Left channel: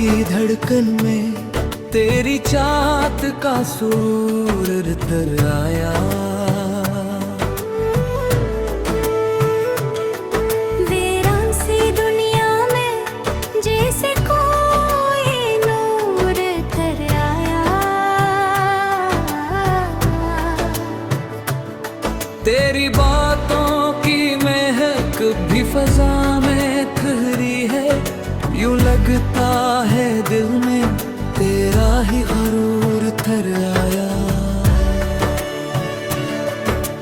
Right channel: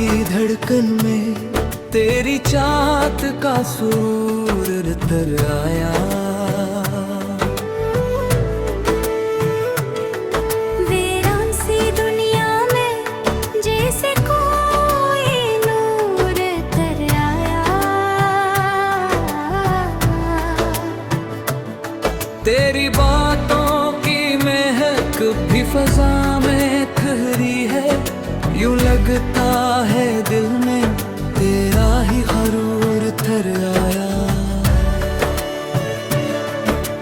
की धड़कन में तेरी चाहत का सुरूर तर आया। वीरान सी दुनिया में जैसे कोई नूर तर आया। तेरी बातों की महक भी फजा में ठहरी है, यूं लगता है दिल में तेरा ही गरूर थर आया।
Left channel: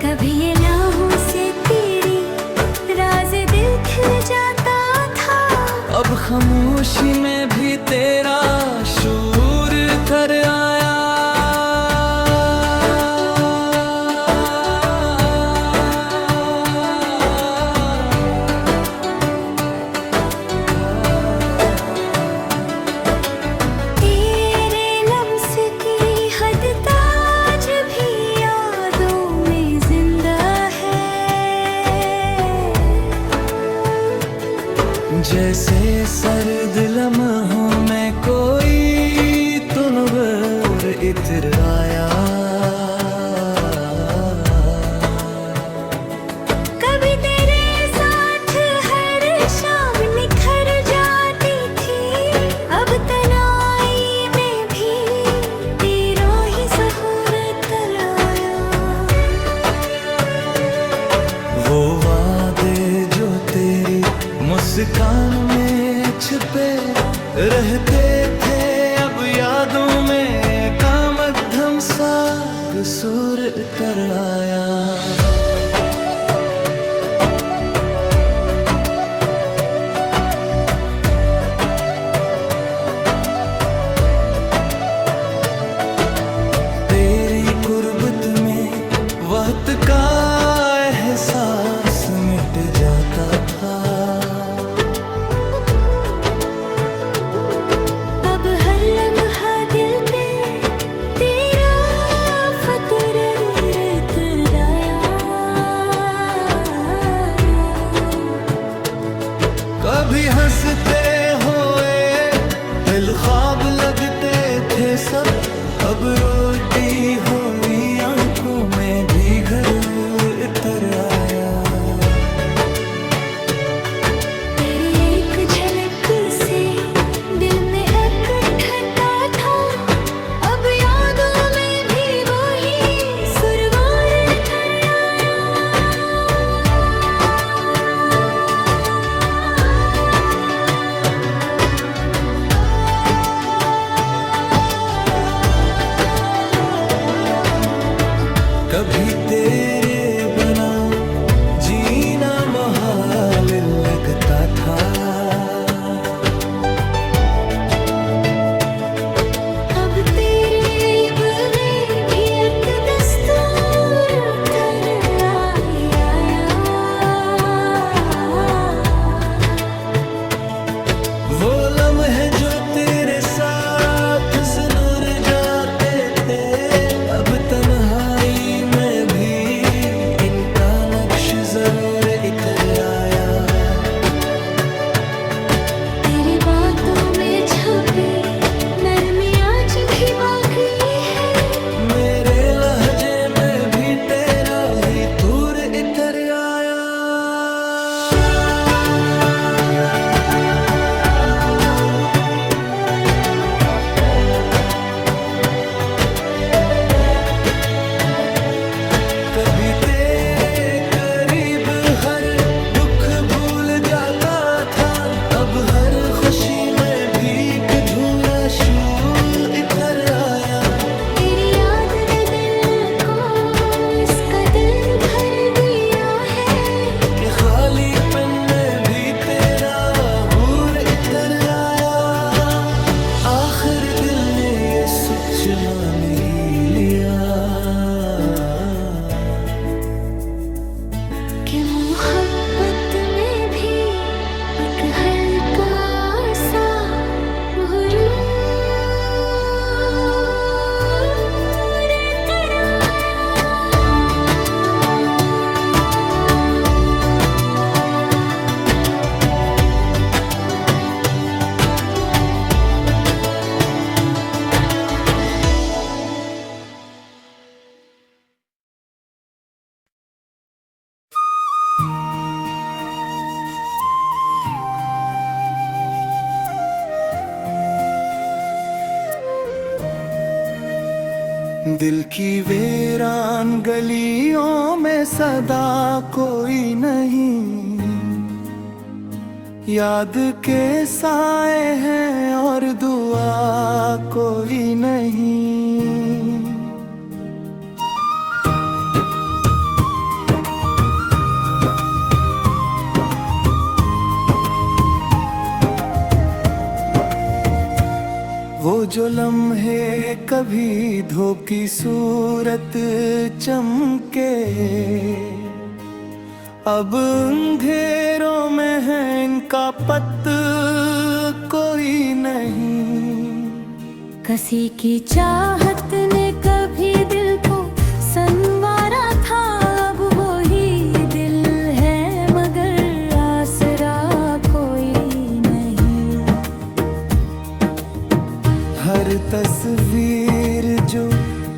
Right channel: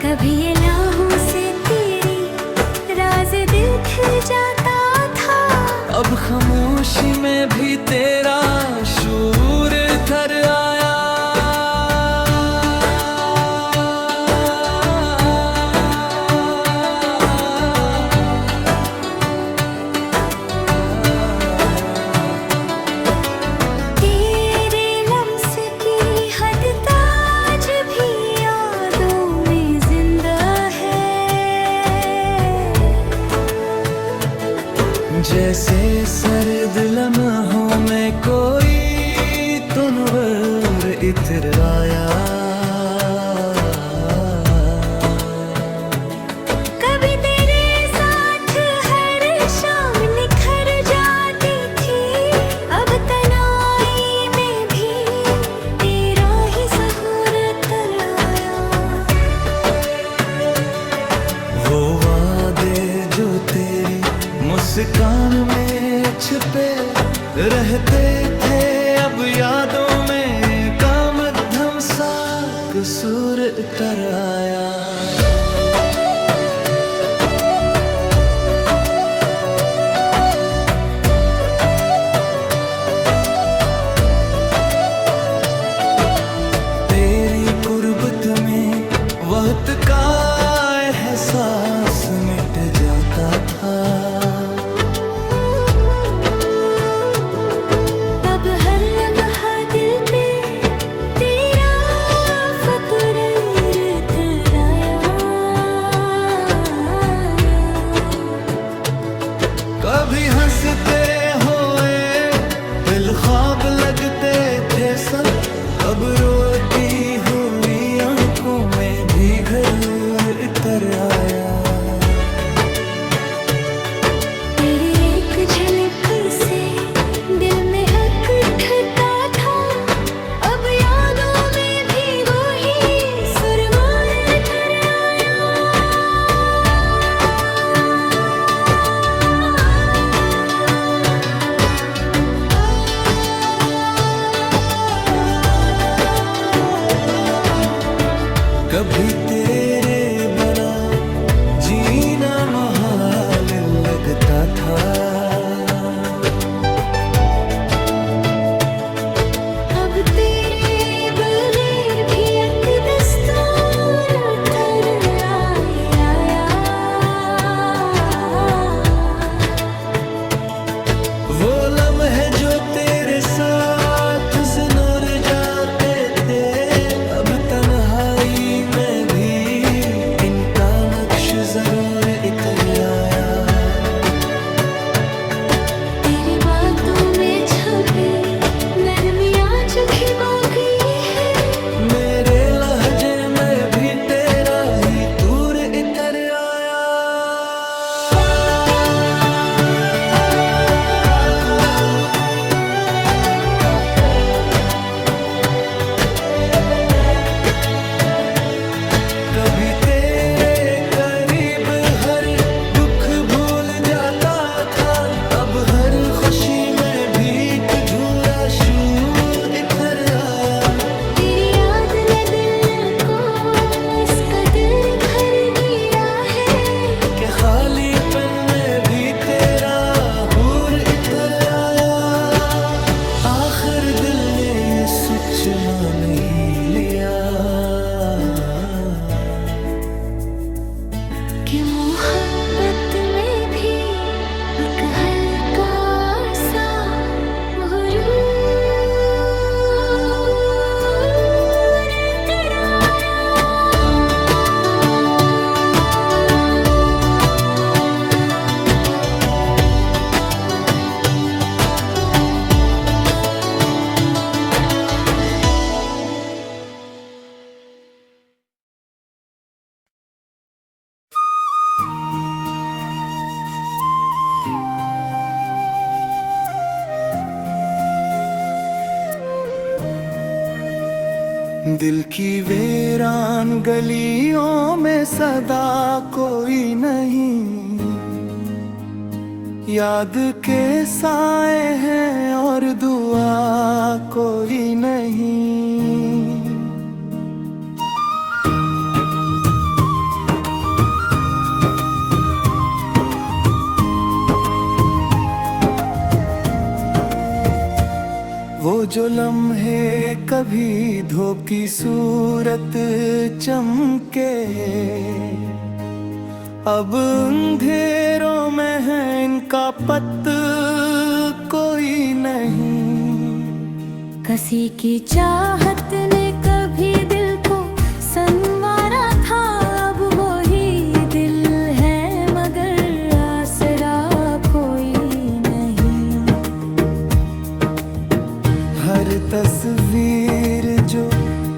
कभी ये लहू से तेरी राज दिल खिल जाता था, अब खामोशी में भी तेरा शूर थर आया। जैसे सर्द लम्हों में कोई तुनवर इतर आया। कभी तेरे साथ हर शाम निखर जाती थी, अब तन्हाई में भी तेरा ही ज़हूर तर आया। वो वादे जो तेरी मुस्कान में छिपे रहते थे, अब यादों में का मध्यम सा कसूर तर आया। तेरी कुर्बत में वक्त का एहसास मिट जाता था, अब हर लम्हा दिल पे तेरा फतुरैर तर आया। कभी हंसते हुए दिल ख्वाब लगते थे सब, अब रोती हुई आंखों में भी घरूर तर आया। तेरी एक झलक से दिल में इकट्ठा था, अब यादों में भी वही सुरमार तर आया। कभी तेरे बना जीना महाल लगता था, अब तेरे बगैर भी एक दस्तूर तर आया। वो लम्हे जो तेरे साथ सुनुर जाते थे, अब तन्हाई में भी इनका नक्श जरूर इतर आया। तेरी बातों में छपी नरमियाँ चुखी बाकी है, मेरे लहजे में भी तेरा ही तूर इतर आया। कभी तेरे करीब हर दुख भूल जाता था, अब हर खुशी में भी एक अधूरा शूर इतर आया। तेरी याद ने दिल को इस कदर भर दिया है कि खालीपन में भी तेरा हूर इतर आया। आखिर दिल ने ये सच मान ही लिया कि मोहब्बत में भी एक हल्का सा गुरूर तड़ाया। दिल की वीरान गलियों में सदा कोई नहीं, याद के साए हैं और दुआ कोई नहीं। वो जो लम्हे कभी धोखी सूरत चमके, अब अंधेरों में है इनका पत कोई नहीं। किसी की चाहत ने कभी दिल को संवारा था, अब वही दिल है मगर आसरा कोई नहीं। हर तस्वीर जो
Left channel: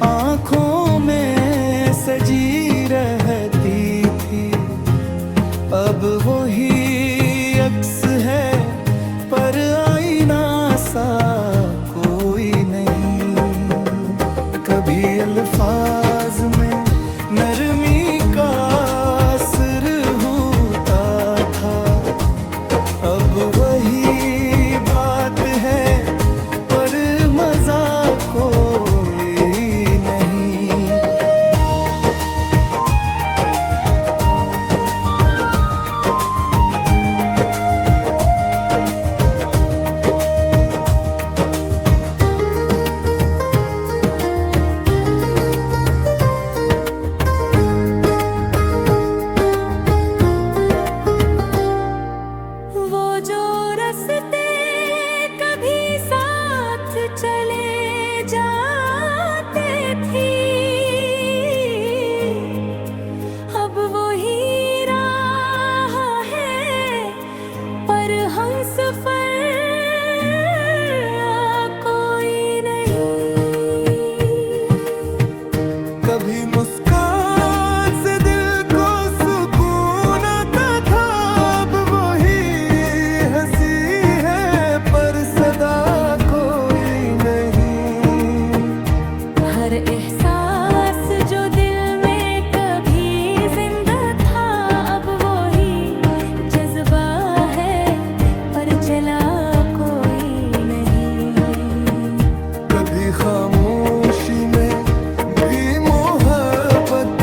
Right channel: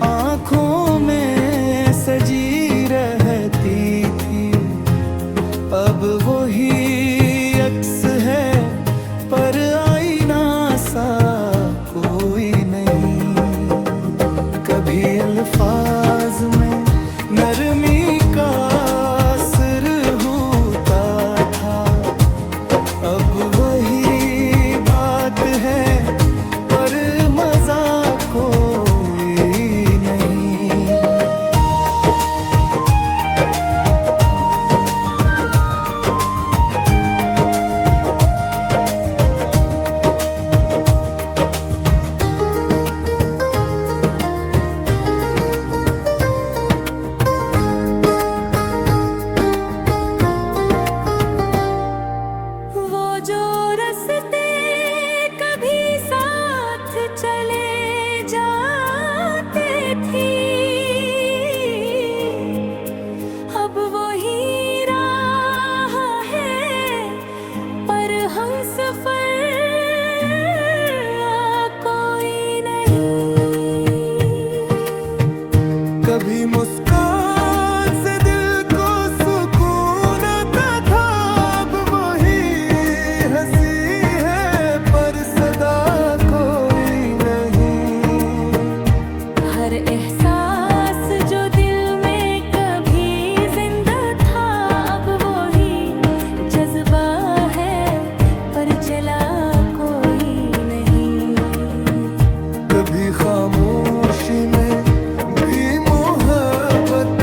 आँखों में सजी रहती थी, अब वही अक्स है पर आईना सा कोई नहीं। कभी अल्फाज में नरमी का असर होता था, अब वही बात है पर मजा कोई नहीं। वो जो रस्ते कभी साथ चले जाते थे, अब वही राह है पर हम सफर कोई नहीं। कभी मुस्कान से दिल को सुकून आता था, अब वही हंसी है पर सदा कोई नहीं। हर एहसास जो दिल में कभी जिंदा था, अब वही जज्बा है पर चला कोई नहीं। कभी खामोशी में भी मोहब्बत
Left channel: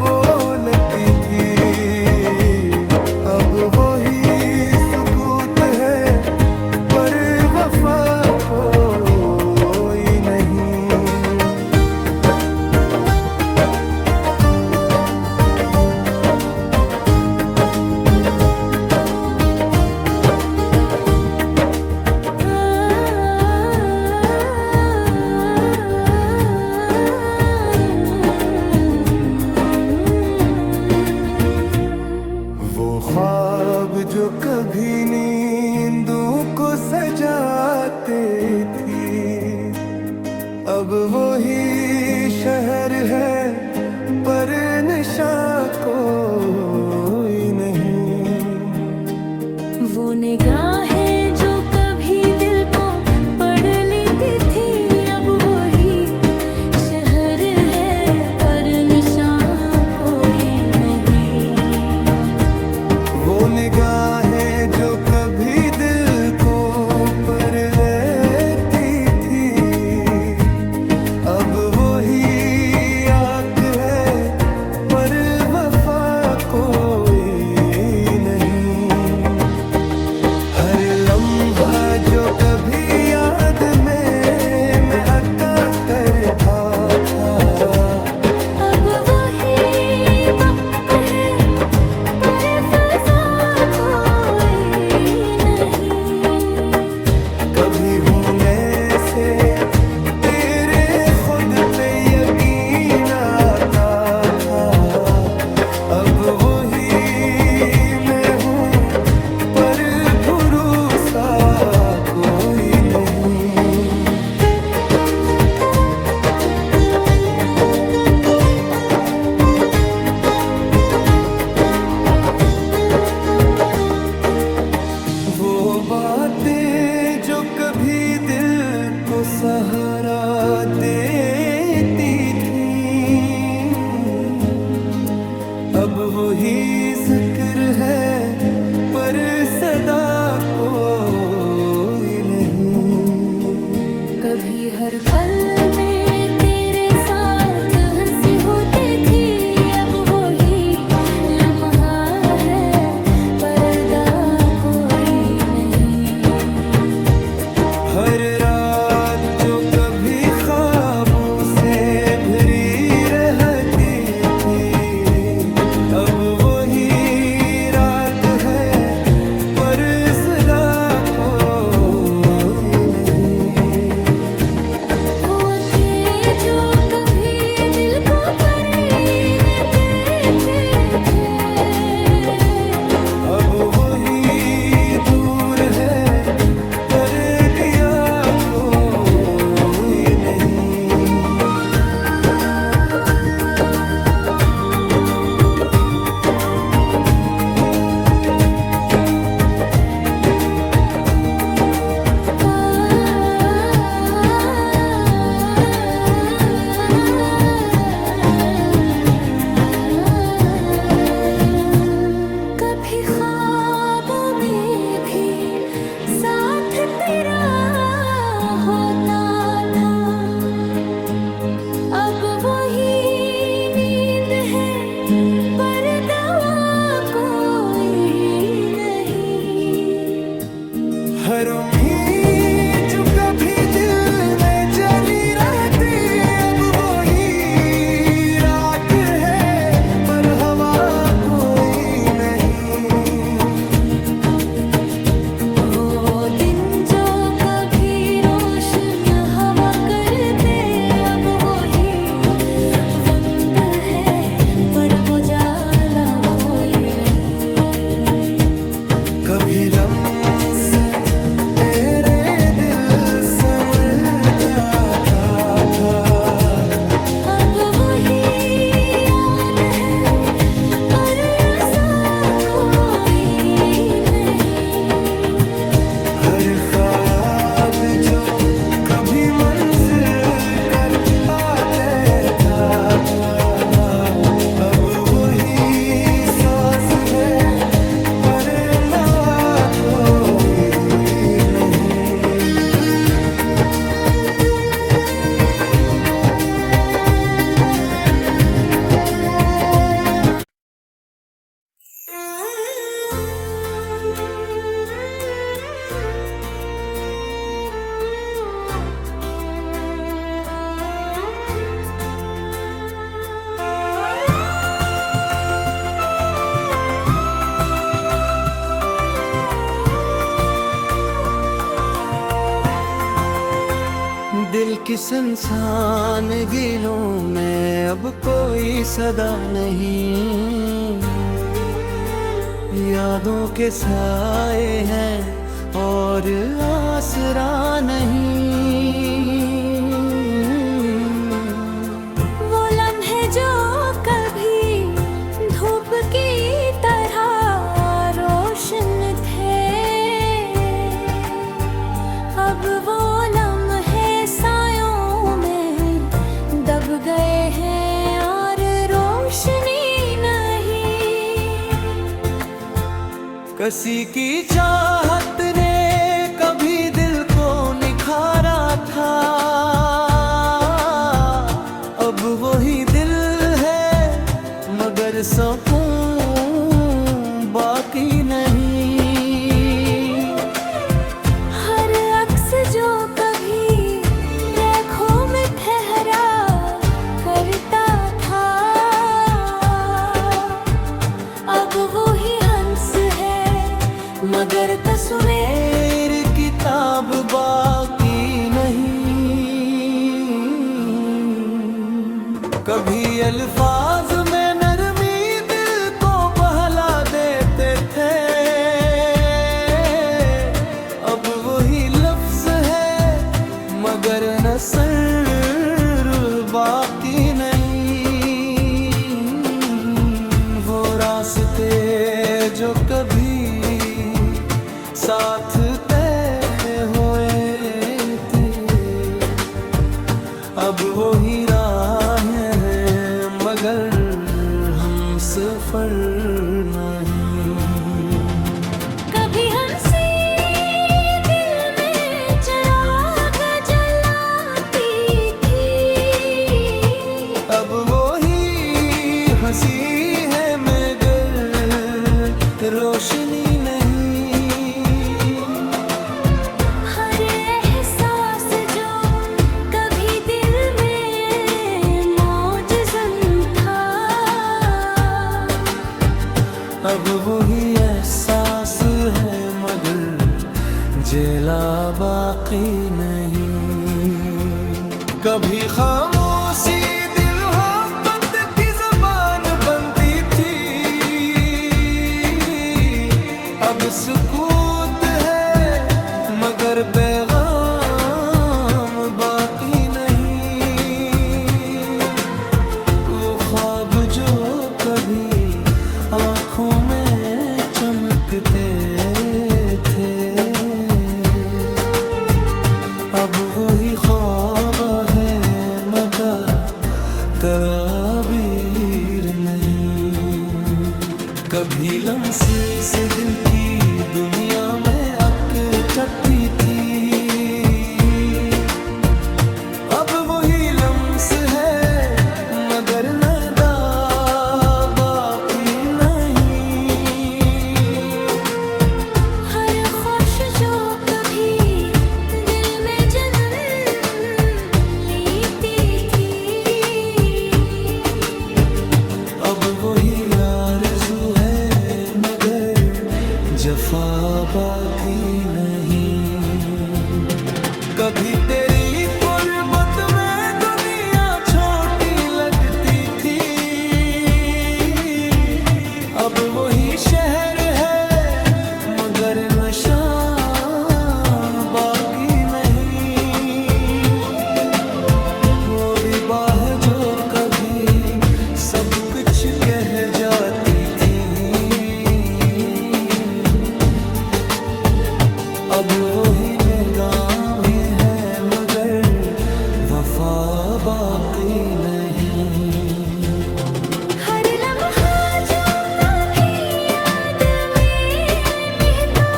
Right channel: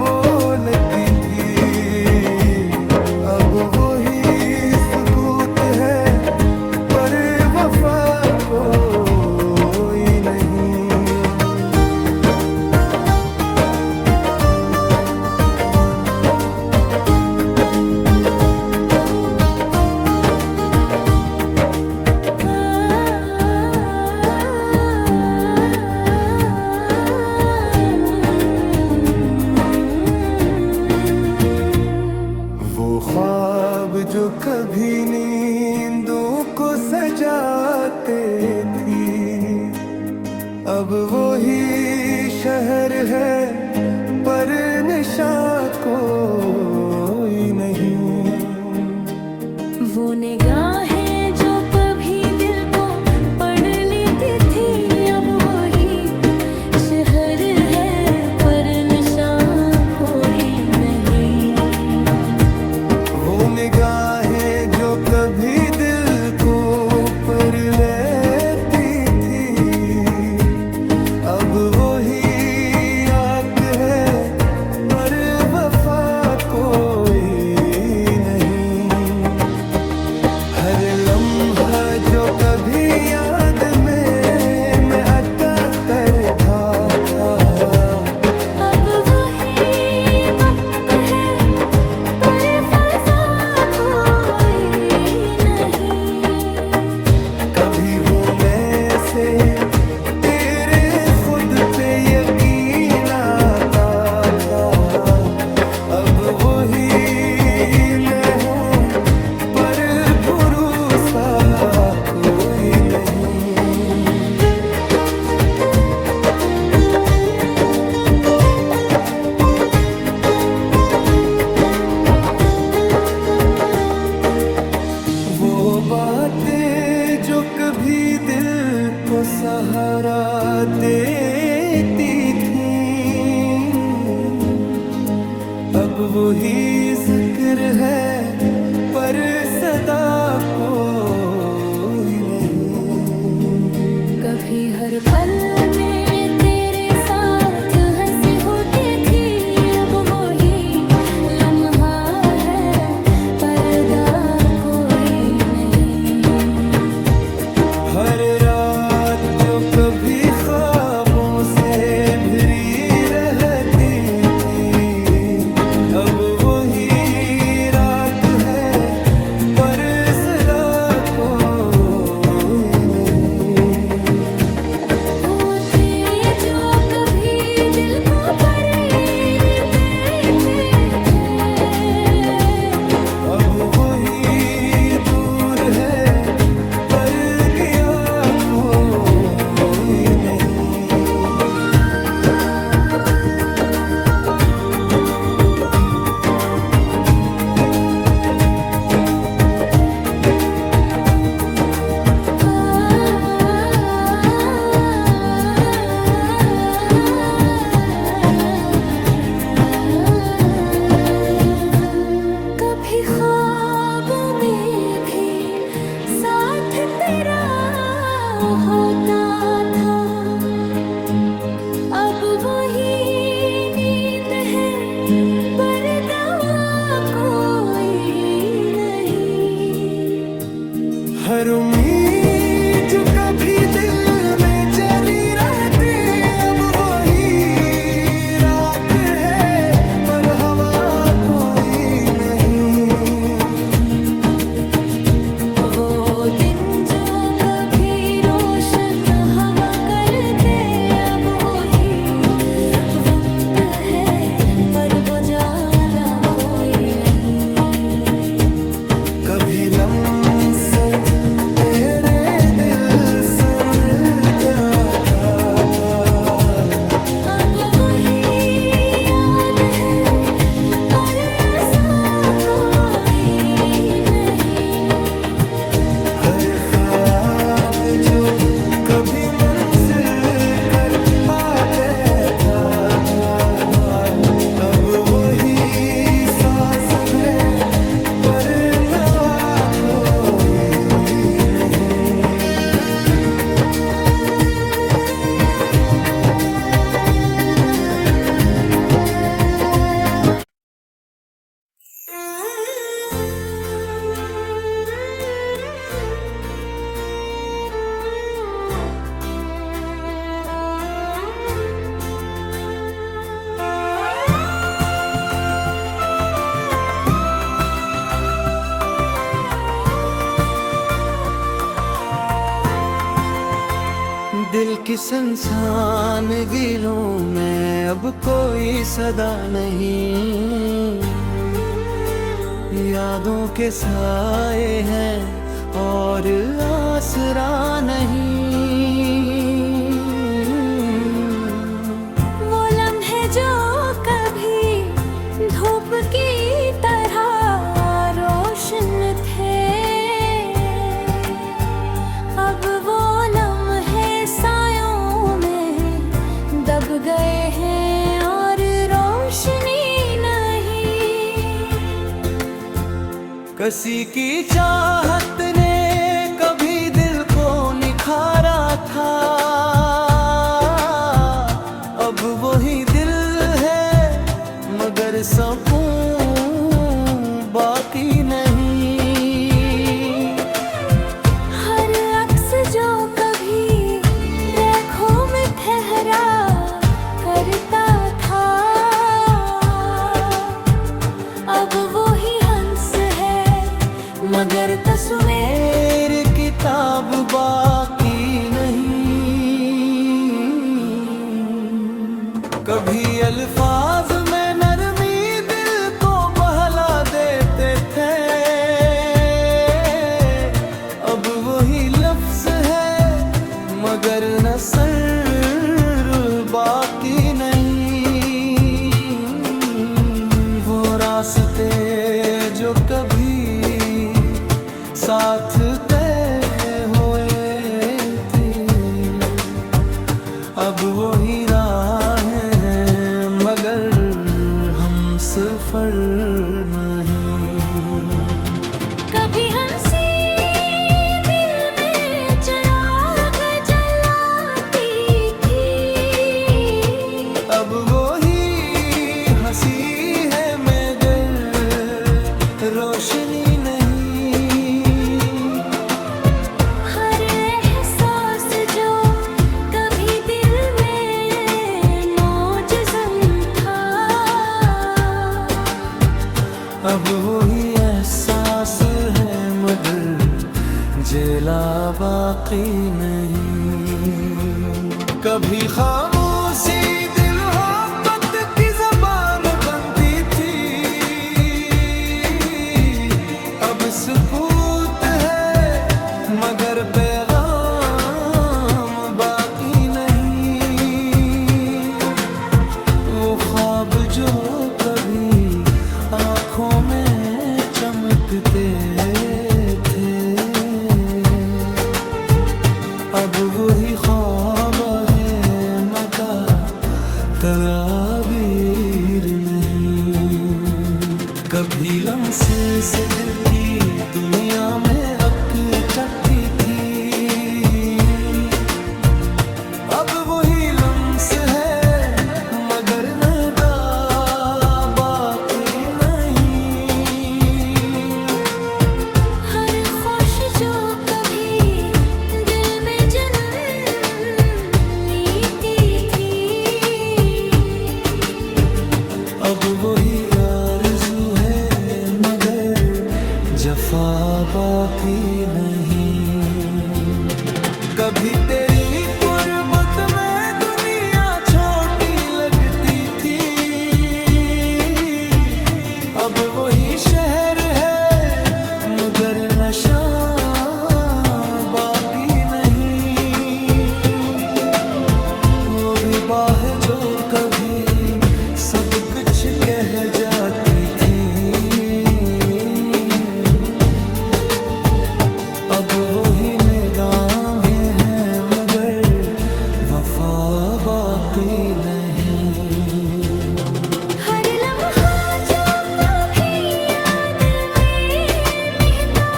बोलती थी, अब वही सुकूत है पर वफा कोई नहीं। वो ख्वाब जो कभी नींदों को सजाते थी, अब वही शहर है पर नशा कोई नहीं। वो निगाहें जो कभी दिल को पढ़ लेती थी, अब वही शहर है पर नशा कोई नहीं। वो निगाहें जो कभी दिल को पर लेती थी, अब वही आँख है पर वफा कोई नहीं। हर लम्हा जो कभी याद में मैं अटका करता था, अब वही वक्त है पर फसा कोई नहीं। कभी होने से तेरे खुद पे यकीन आता था, अब वही मैं हूँ पर भरोसा कोई नहीं। वो बातें जो कभी दिल को सहारा देती अब वही जिक्र है पर सदा कोई नहीं। कभी हर पल में तेरे साथ हंसी होती थी, अब वही लम्हा है पर्दा कोई नहीं। हर रात जो कभी ख्वाबों से भरी रहती थी, अब वही रात है पर सदा कोई नहीं। वो तेरे जो कभी दिल को परीर देते थे, अब वही दूर है पर किया कोई नहीं। कभी ख्वाबों में भी साथ तेरा होता था, अब वही नींद है पर दवा कोई नहीं। हर उम्मीद जो कभी दिल में जली रहती, अब वही राख है पर हवा कोई नहीं। वो दिन जो कभी रोशन हवा करते, अब वही बंद है पर उजाला कोई नहीं। कभी लम्से तेरे दिल से मिलता था, अब वही याद है पर ऐसा कोई नहीं। हर ख्याल जो कभी मंजिल कर आते था, अब वही सांस है पर नवा कोई नहीं। दिल की संसान गिलों में अब कोई सदा नहीं, यादों के साए हैं और आसरा नहीं। वो लम्हे जो कभी धूप की तरह रोशन थे, अब वो सायों में दब गए हैं और रोशनी नहीं। किसी की चाहत ने कभी दिल को निखारा था, अब वही दिल है मगर सुकून बाकी नहीं। हर अक्स जो करता था, अब वही हंस है मगर तस्वीर किताब बाकी नहीं। कभी अल्फाज में नरमी दिल को बहला देते थे, अब वही लफ्ज है मगर नसर बाकी नहीं। वो रास्ते जो कभी साथ तय हुए थे, अब वही राहें हैं मगर हम सफर नहीं। कभी हंसी दिल में चिराग जलाती थी, अब वो ही हंसी है मगर रोशनी नहीं। हर एहसास जो कभी दिल में मौजज़न था, अब वही एहसास है मगर जेला बाकी नहीं। कभी खामोशी दिल मोहब्बत की ज़बान बनती थी, अब सुकूत है मगर पैगाम बाकी नहीं। वो ख्वाब जो कभी आँखों में चमकते थे, अब वही ख्वाब है मगर तस्वीर नहीं। कभी लम्स से दिल की दुनिया में अकटती थी, अब वही लम्स है मगर नदा बाकी नहीं। हर ख्वाहिश जो कभी दिल में जन्म लेती थी, अब वही आरज़ू है मगर जफा बाकी नहीं। कभी तेरी गुर्बत में दुनिया छोटी लगती थी, अब वही शहर है मगर नशा बाकी नहीं। वो भी बाह जो कभी सब कुछ कह जाती थी, अब वही निगाहें हैं मगर वफा बाकी नहीं। हर लम्हा जो कभी याद में महका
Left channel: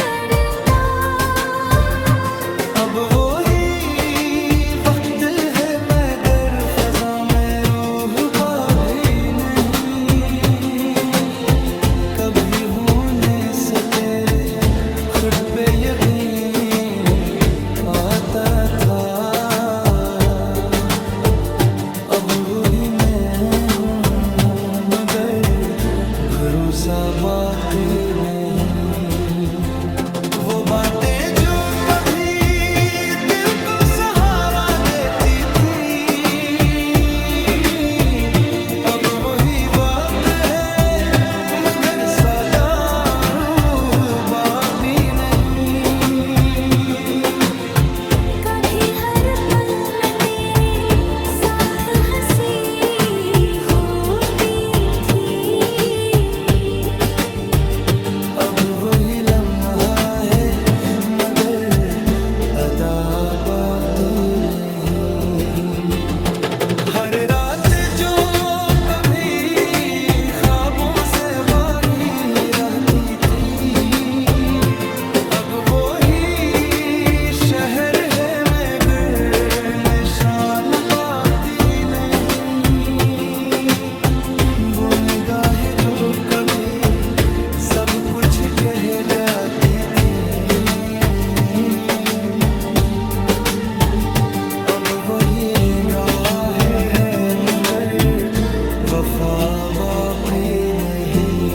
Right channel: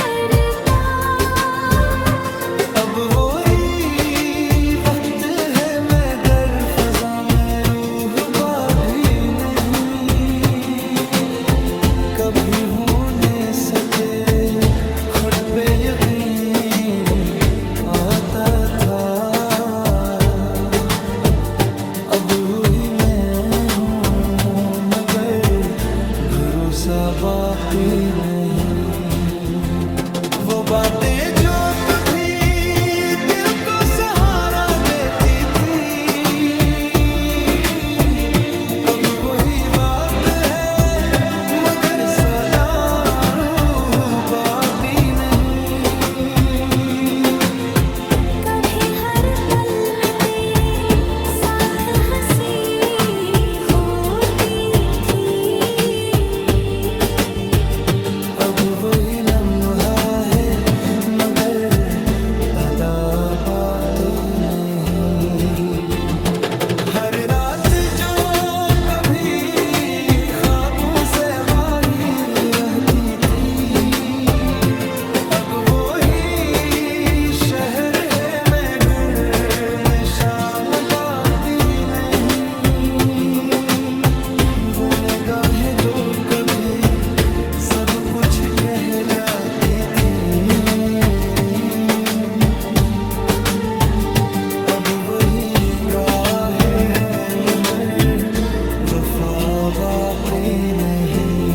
करता, अब वही वक्त है मगर फजा में रूह बागी नहीं। कभी होने से तेरे खुद पे यकीन आता था, अब वही मैं हूँ मगर भरोसा बाकी नहीं। वो बातें जो कभी दिल को सहारा देती थी, अब वही बात है मगर सदा रूह बाकी नहीं। कभी हर पल में तेरे साथ हंसी होती थी, अब वही लम्हा है मगर अदा बाकी नहीं। हर रात जो कभी ख्वाबों से बाही रहती थी, अब वही शहर है मगर निशान बाकी नहीं। वो निगाहें जो कभी सब कुछ कह जाती थी, अब वही निगाह है मगर वफा बाकी नहीं।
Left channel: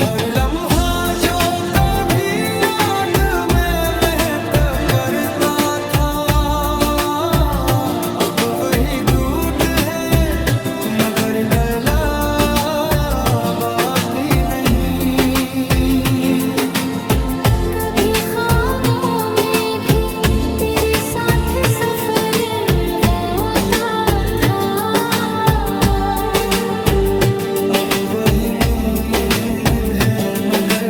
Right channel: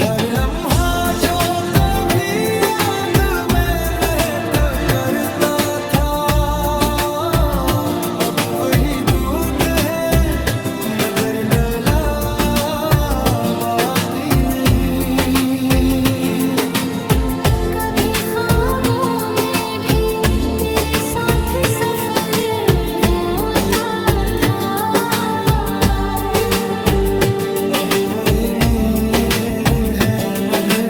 हर लम्हा जो कभी याद में महका करता था, अब वही दूध है मगर गला बाकी नहीं। कभी ख्वाबों में भी तेरे साथ सफर होता था, अब वही नींद है मगर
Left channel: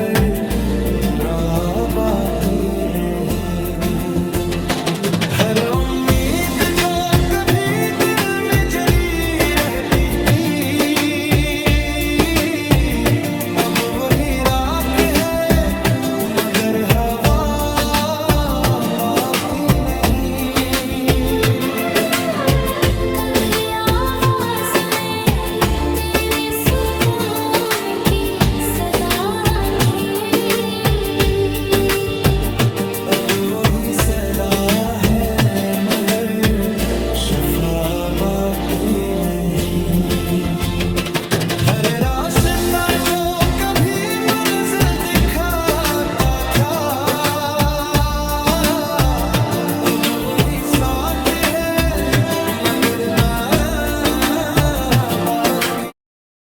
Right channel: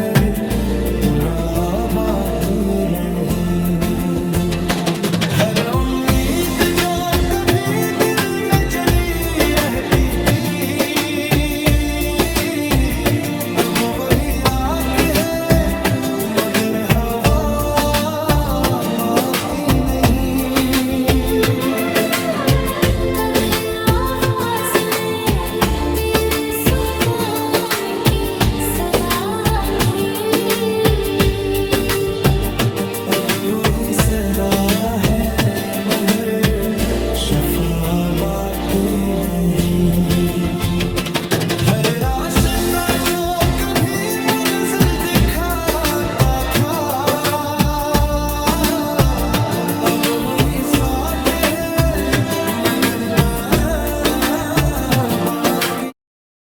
अब वही सदा है मगर शफा बाकी नहीं।